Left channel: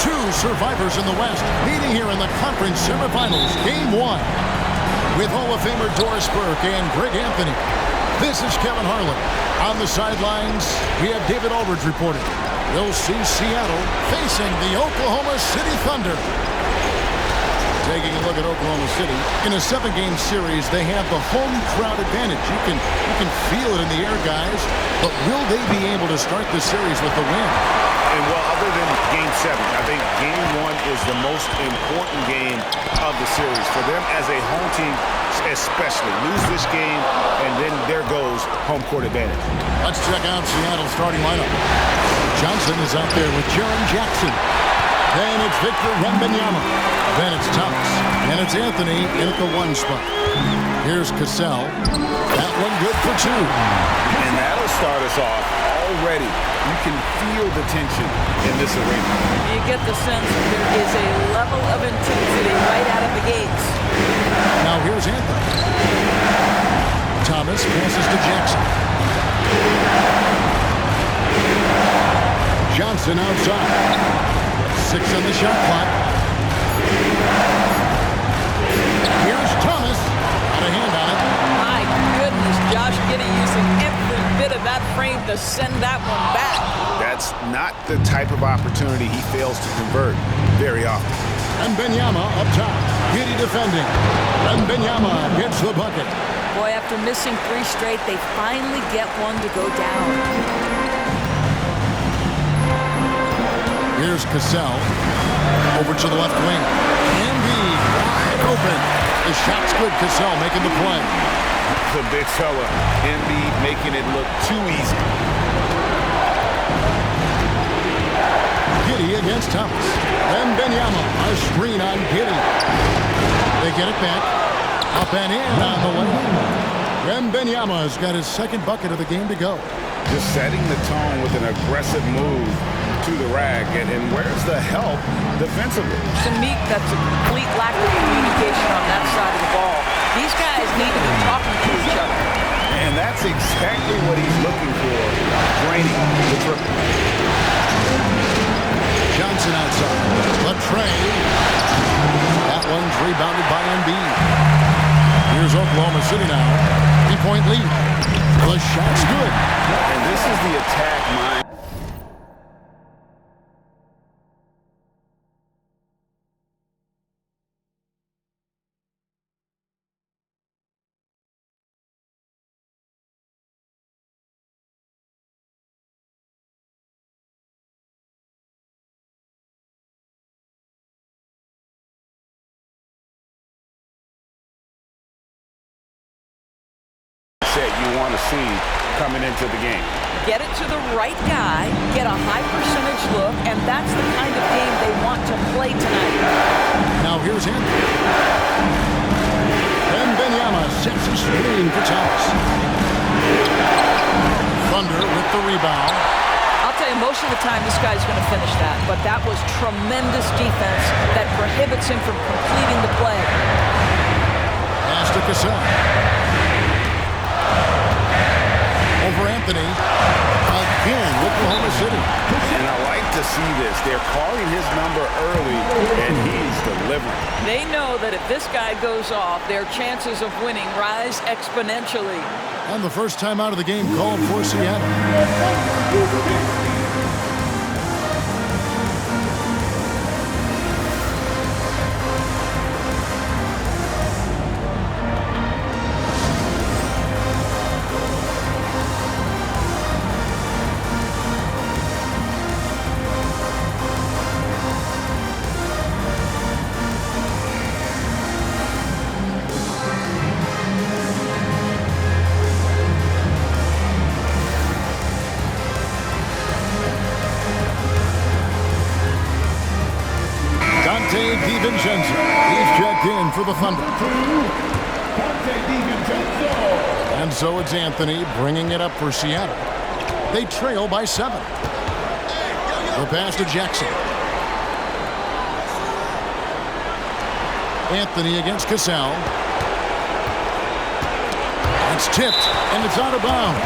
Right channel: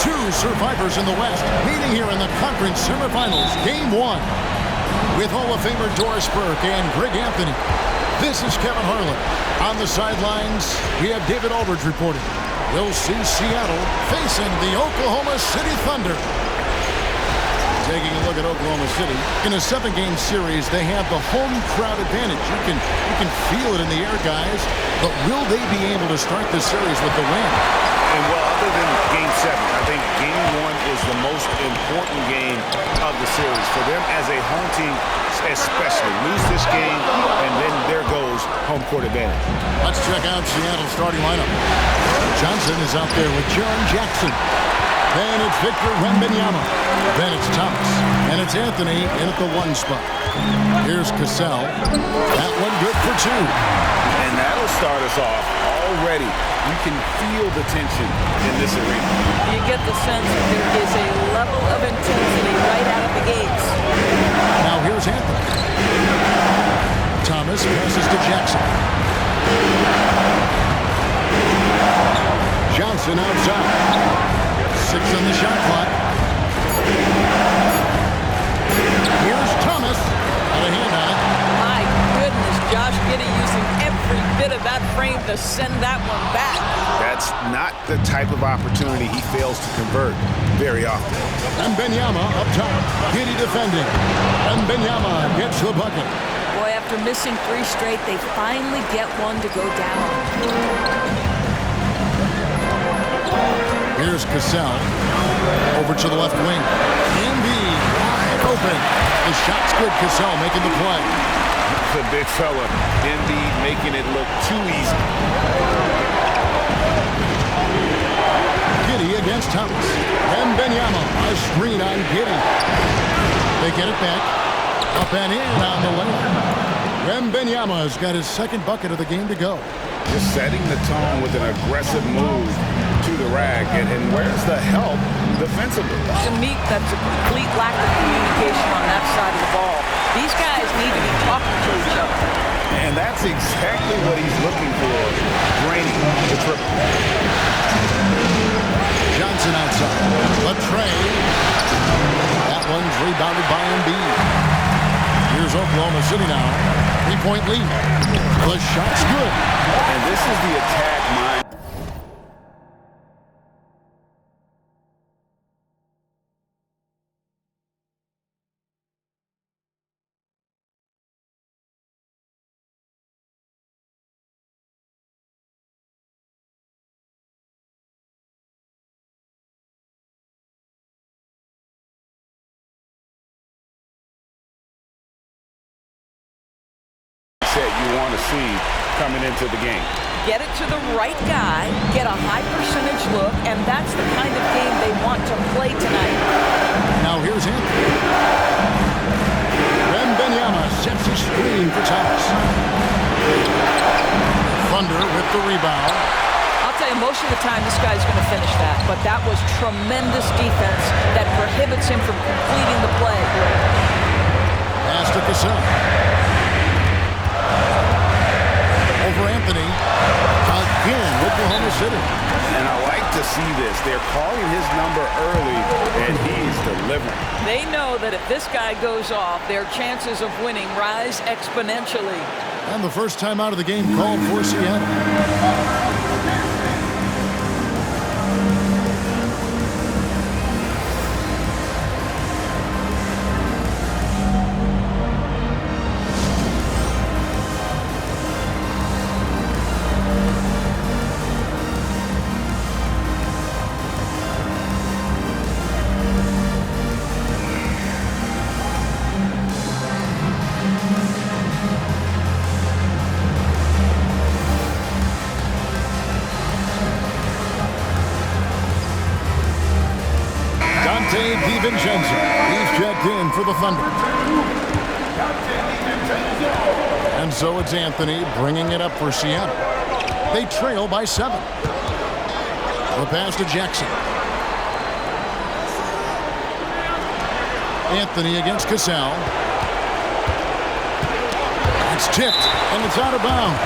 Two survivors in the West meeting here in the conference semifinals, Game 1. With Hall of Famer Doris Burke and Greg Anthony. This is Kevin Harlan. On the sidelines, we have David Aldridge reporting. We'll see Seattle facing the Oklahoma City Thunder. Taking a look at Oklahoma City. In a 7-game series, they have the home crowd advantage. You can feel it in the air, guys. But will they be able to start the series with the win? And, well, other than Game 7, I think Game 1 is the most important game of the series. For them as a home team, especially. Lose this game, and then there goes home court advantage. Let's check out Seattle's starting lineup. Johnson is out there with Jaren Jackson. Then it's Victor Wembanyama. Then it's Thomas. And it's Anthony in at the 1 spot. Here's Cassell. That one good for 2. And that'll start us off already. You can feel the tension in this arena. You get the sense there is a level of intensity right out of the gates. Now here's Anthony. Thomas passes to Jackson. Johnson outside. 6 on the shot clock. Here's Thomas. Got a hand on it. My goodness, Josh Giddey using every bit of that frame to send that one back. That's not the type of opportunity he fails to convert very often. Wembanyama up top. Giddey defending. Wembanyama gets the bucket. Boy, after missing 3 straight, they finally get one to go down. Here's Cassell. Over to the left wing. Embiid wide open. The shot's good. Cassell making the play. The big fella, Embiid, making it look too easy. Giddey against Thomas. Wembanyama, a screen on Giddey. They get it back. Up and in on the layup. Wembanyama has got his 2nd bucket of the game to go. Just setting the tone with an aggressive move to the rack. And where's the help defensively? To me, that's a complete lack of communication on that side of the ball. These guys need to be talking to each other. And that's exactly what he's looking for, draining the triple. Johnson outside. Latrey. That one's rebounded by Embiid. Here's Oklahoma City now. 3-point lead. The shot's good. And this is the attack mind. You want to see coming into the game. Get it to the right guy, get a high percentage look, and that's the kind of game they want to play tonight. Now here's Anthony. Wembanyama sets a screen for Thomas. Thunder with the rebound. I'll tell you, most of the time this guy's going to finish that, but that was tremendous defense that prohibits him from completing the play. Pass to Cassell. Over Anthony. Again, Oklahoma City. And I like to see this. They're calling his number early, and he's delivering. They know that if this guy goes off, their chances of winning rise exponentially. And the first time out of the game called for Seattle. Dante DiVincenzo. He's checked in for the Thunder. And so it's Anthony bringing it up for Seattle. They trail by 7. The pass to Jackson. Anthony against Cassell. It's tipped, and it's out of bounds.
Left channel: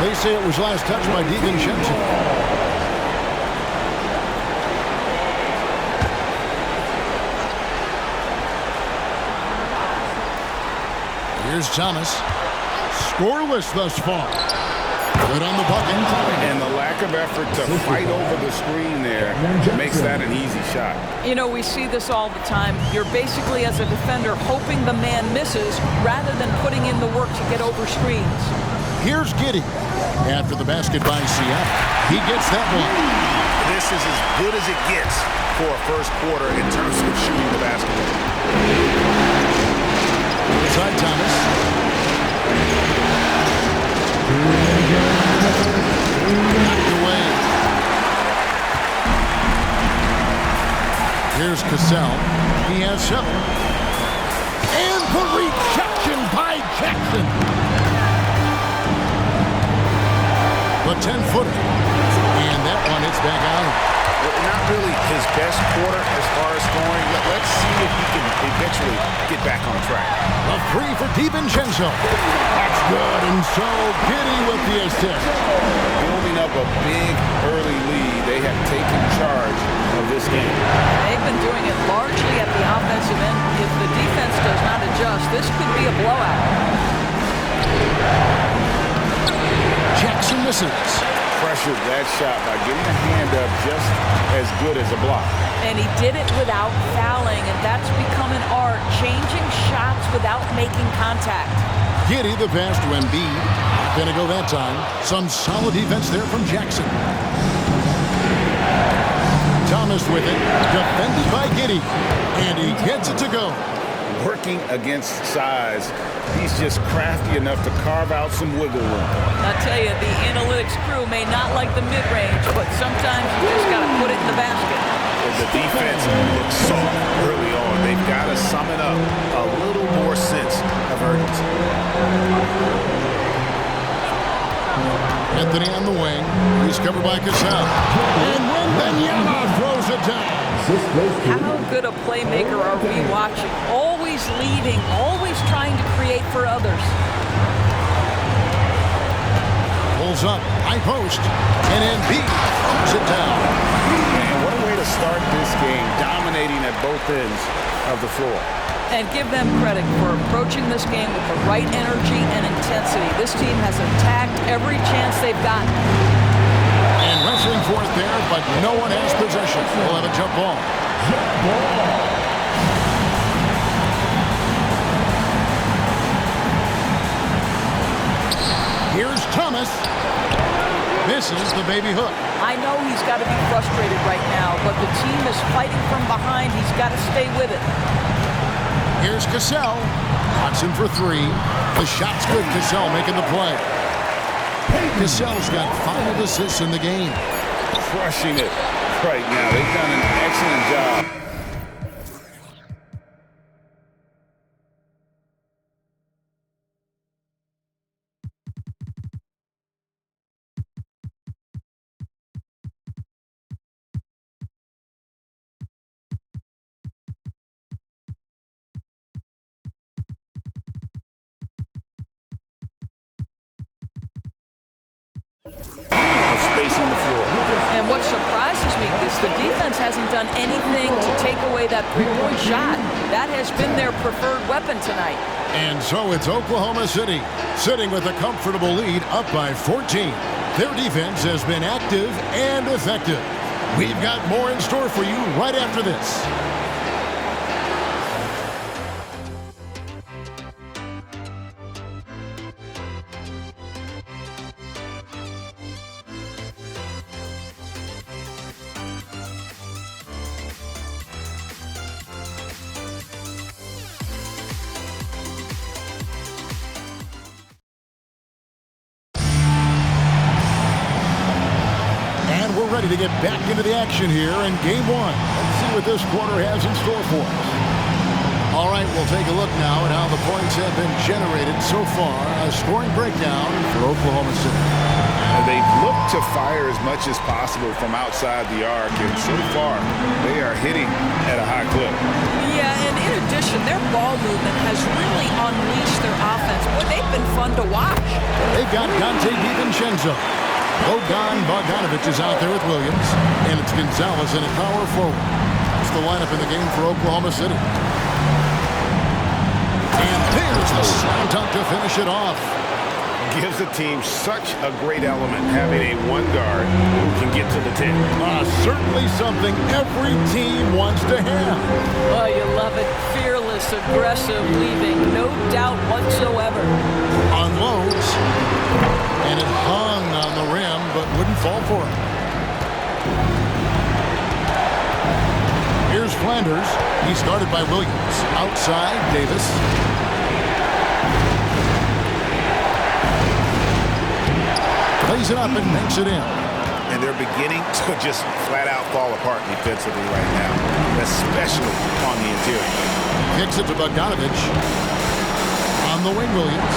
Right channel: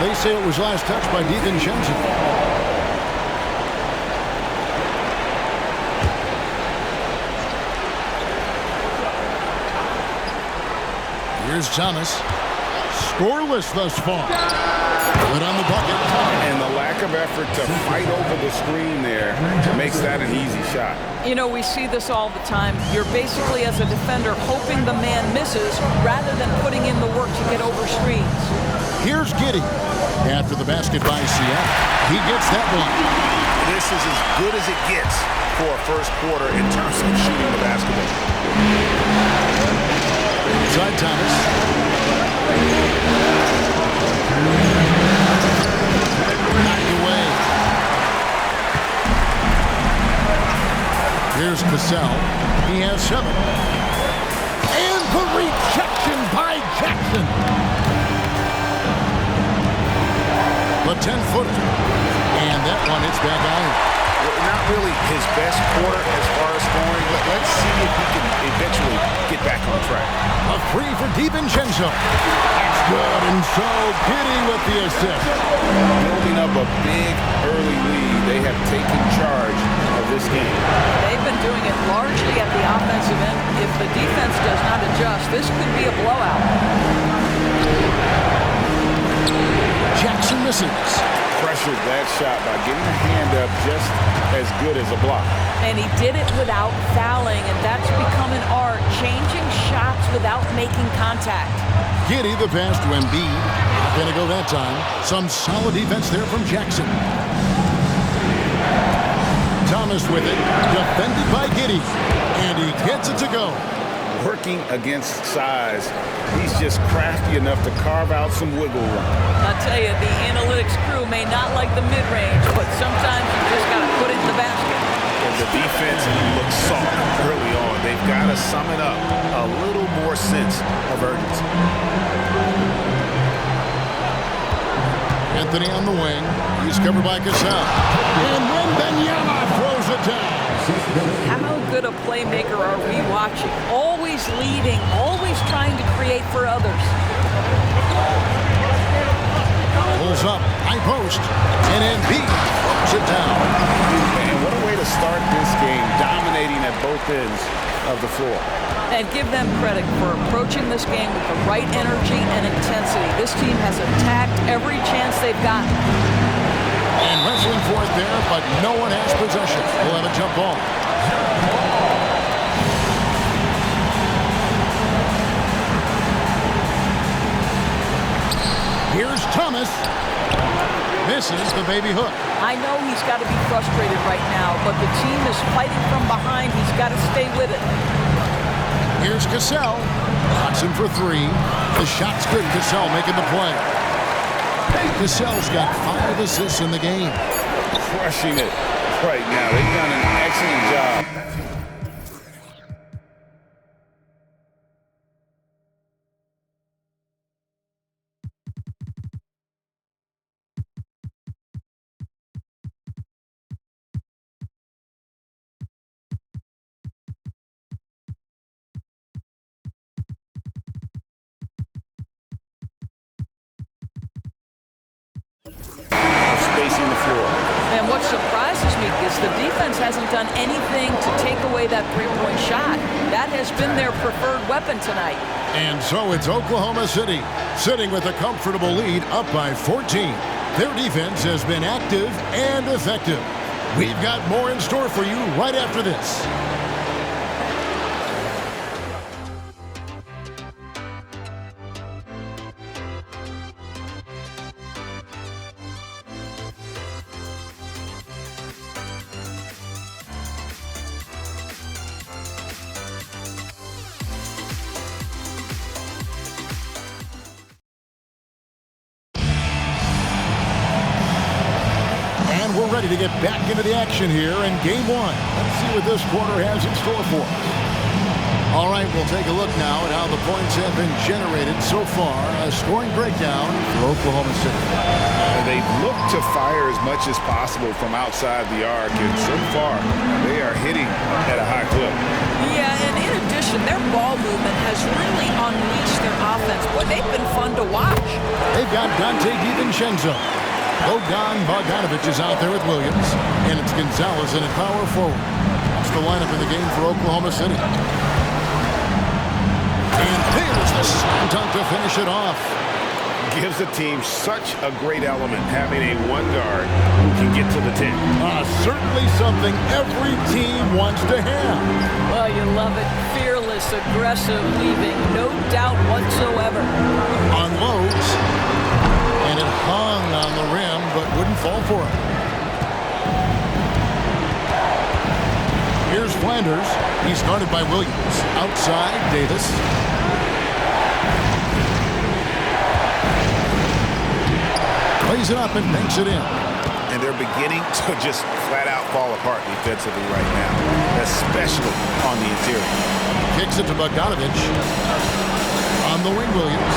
They say it was last touched by DiVincenzo. Here's Thomas. Scoreless thus far. Good on the bucket. And the lack of effort to fight over the screen there makes that an easy shot. You know, we see this all the time. You're basically, as a defender, hoping the man misses rather than putting in the work to get over screens. Here's Giddey. After the basket by Seattle, he gets that one. This is as good as it gets for a first quarter in terms of shooting the basketball. Inside Thomas. Knocked away. Here's Cassell. He has 7. And the rejection by Jackson. The 10-footer. And that one hits back out. Not really his best quarter as far as scoring. Let's see if he can eventually get back on track. A 3 for DiVincenzo. That's good. And so Giddey with the assist. Building up a big early lead. They have taken charge of this game. They've been doing it largely at the offensive end. If the defense does not adjust, this could be a blowout. Jackson misses. Pressured that shot by getting a hand up just as good as a block. And he did it without fouling, and that's become an art, changing shots without making contact. Giddey the pass to Embiid. Not going to go that time. Some solid defense there from Jackson. Thomas with it. Defended by Giddey. And he gets it to go. Working against size. He's just crafty enough to carve out some wiggle room. I'll tell you, the analytics crew may not like the mid-range, but sometimes you just got to put it in the basket. And the defense looks soft early on. They've got to summon up a little more sense of urgency. Anthony on the wing. He's covered by Cassell. And Wemby throws it down. How good a playmaker are we watching? Always leading, always trying to create for others. Pulls up, high post, and Embiid throws it down. And what a way to start this game, dominating at both ends of the floor. And give them credit for approaching this game with the right energy and intensity. This team has attacked every chance they've gotten. And wrestling for it there, but no one has possession. We'll have a jump ball. Here's Thomas. Misses the baby hook. I know he's got to be frustrated right now, but the team is fighting from behind. He's got to stay with it. Here's Cassell. Watson for 3. The shot's good. Cassell making the play. Cassell's got 5 assists in the game. Crushing it right now. They've done an excellent job. Spacing the floor. And what surprises me is the defense hasn't done anything to take away that three-point shot. That has been their preferred weapon tonight. And so it's Oklahoma City sitting with a comfortable lead up by 14. Their defense has been active and effective. We've got more in store for you right after this. And we're ready to get back into the action here in Game 1. Let's see what this quarter has in store for us. All right, we'll take a look now at how the points have been generated so far. A scoring breakdown for Oklahoma City. They've looked to fire as much as possible from outside the arc, and so far they are hitting at a high clip. Yeah, and in addition, their ball movement has really unleashed their offense. Boy, they've been fun to watch. They've got Dante DiVincenzo. Bogdan Bogdanovic is out there with Williams, and it's Gonzalez in at power forward. That's the lineup in the game for Oklahoma City. And Here's the slam dunk to finish it off. Gives the team such a great element having a one guard who can get to the 10. Certainly something every team wants to have. Oh, you love it. Fearless, aggressive, leaving no doubt whatsoever. Unloads, and it hung on the rim but wouldn't fall for him. Here's Flanders. He's guarded by Williams. Outside, Davis. Plays it up and makes it in. And they're beginning to just flat out fall apart defensively right now, especially on the interior. Kicks it to Bogdanovich. On the wing, Williams.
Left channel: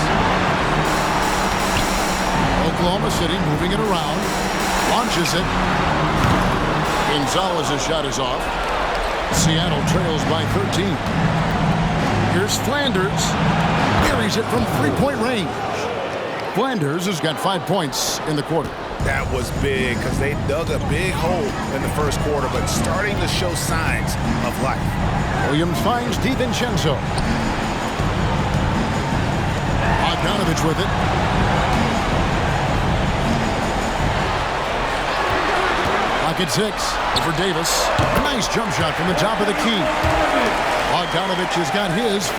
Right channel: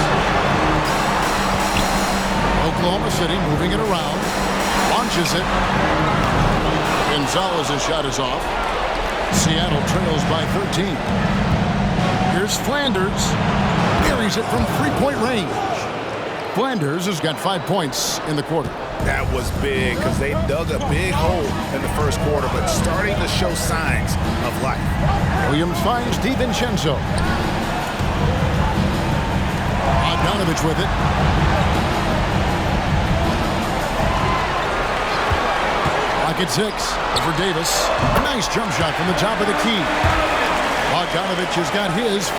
Oklahoma City moving it around. Launches it. Gonzalez's shot is off. Seattle trails by 13. Here's Flanders. Carries it from three-point range. Flanders has got 5 points in the quarter. That was big because they dug a big hole in the first quarter, but starting to show signs of life. Williams finds DiVincenzo. Bogdanovich with it. Lock at 6 over Davis. Nice jump shot from the top of the key. Bogdanovich has got his